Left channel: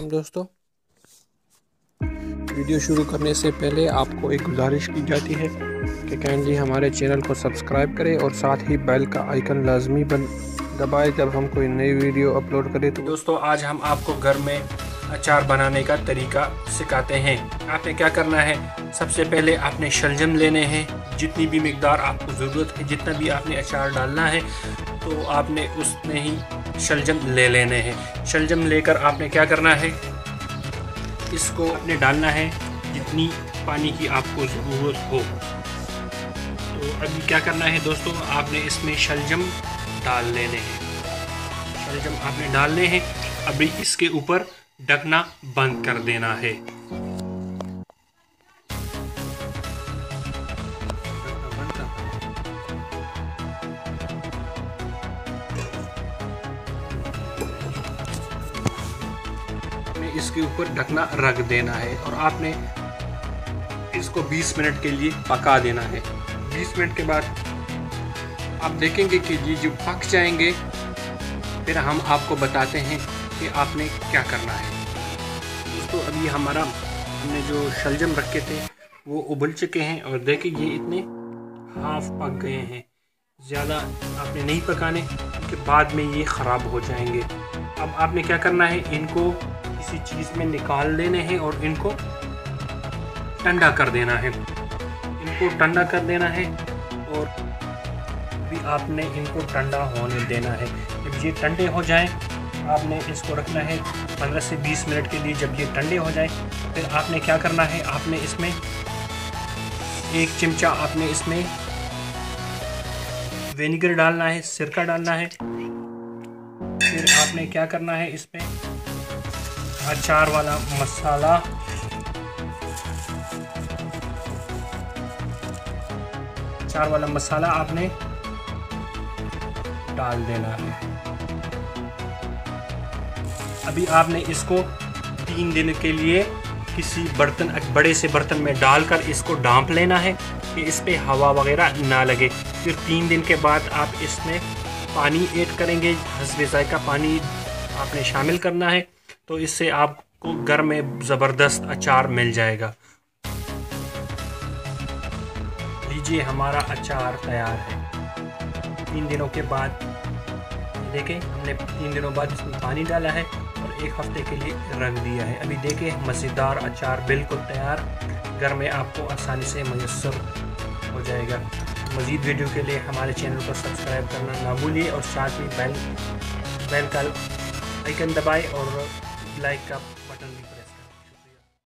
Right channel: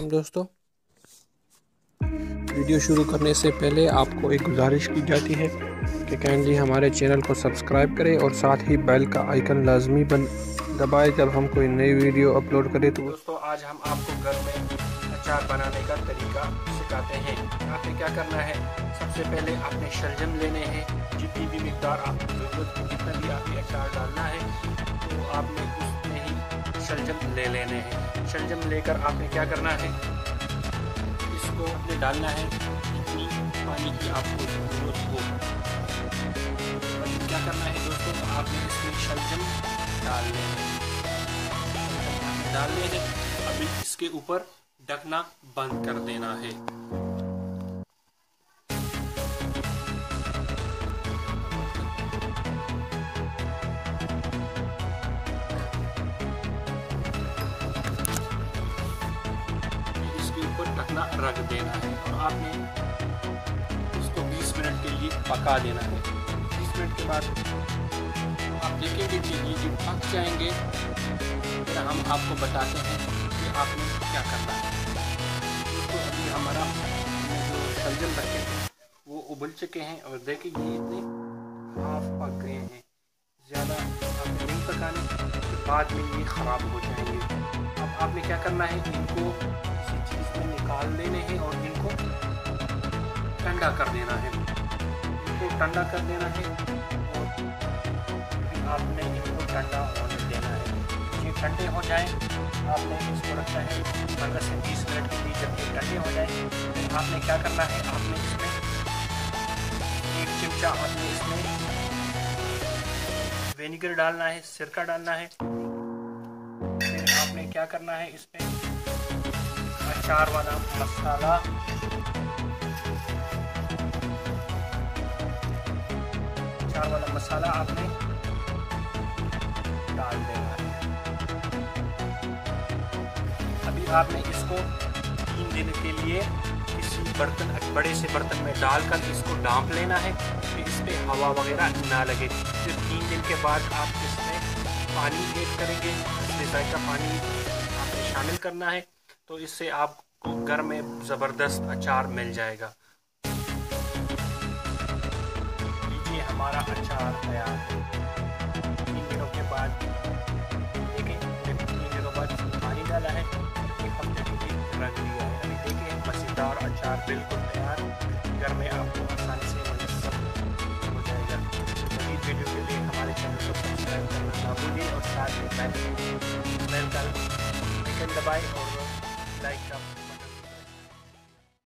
अस्सलाम दोस्तों। वीडियो शुरू करने से पहले आपको एक गुजारिश की जाती है कि काइंडली हमारे चैनल को सब्सक्राइब करें और साथ ही बेल का आइकन लाजमी दबाएं जब हम कोई नई वीडियो अपलोड करें। तो दोस्तों आज हम आपको घर में अचार बनाने का तरीका सिखाते हैं। आपने क्या करना है, सबसे पहले आपने शलजम लेने हैं। जितनी भी मिकदार आपको ज़रूरत है, जितना भी आपने अचार डालना है तो आपने उसमें ही शलजम ले लेने हैं। शलजम लेकर आपने क्या करना है, इसको आपने डालना है जितनी पानी की आपको ज़रूरत हो। तो अभी क्या करना है दोस्तों, आपने इसमें शलजम डाल लेने हैं। शलजम आपने डालने हैं। अभी इसके ऊपर ढकना बंद कर देना है। इसके ऊपर ढकना रख देना है और आपने इसको 20 मिनट के लिए पका देना है। 20 मिनट के बाद आप देखेंगे कि ये जो पक जाएंगे, फिर हम आपको बताते हैं कि आपने क्या करना है। दोस्तों अभी हमने जो शलजम रखे थे वो उबल चुके हैं और देखिए ये इतने हाफ पक गए हैं। ज़्यादा आपने नहीं पकाने के बाद में ये ख़राब हो जाएंगे। अब आपने क्या करना है, इनको किसी चीज़ में निकाल लेने हैं और इनको ठंडा कर देना है। इनको ठंडा कर देना है और अभी आपने इनको ठंडा होने देना है। जब ये ठंडे हो जाएं, आपने इसको रखना है 15 से 20 मिनट के लिए। जब ये ठंडे हो जाए फिर आपने क्या करना है, आपने इसमें 1 चमचा आपने इसमें विनेगर डालना है, सिरका डालना है। फिर आपने क्या करना है, इसमें अचार वाला मसाला, आपने डाल देना है। अभी आपने इसको 3 दिन के लिए किसी बड़े से बर्तन में डालकर इसको ढांप लेना है कि इस पे हवा वगैरह ना लगे। फिर 3 दिन के बाद आप इसमें पानी ऐड करेंगे, हस्बे ज़ायका पानी आपने शामिल करना है। तो इससे आपको घर में ज़बरदस्त अचार मिल जाएगा। लीजिए हमारा अचार तैयार है। 3 दिनों के बाद देखें, हमने 3 दिनों बाद इसमें पानी डाला है और 1 हफ्ते के लिए रख दिया है। अभी देखें मज़ेदार अचार बिल्कुल तैयार, घर में आपको आसानी से मुयस्सर हो जाएगा। मज़ीद वीडियो के लिए हमारे चैनल को सब्सक्राइब करना ना भूलिए और साथ ही बेल का आइकन दबाएं और लाइक का बटन भी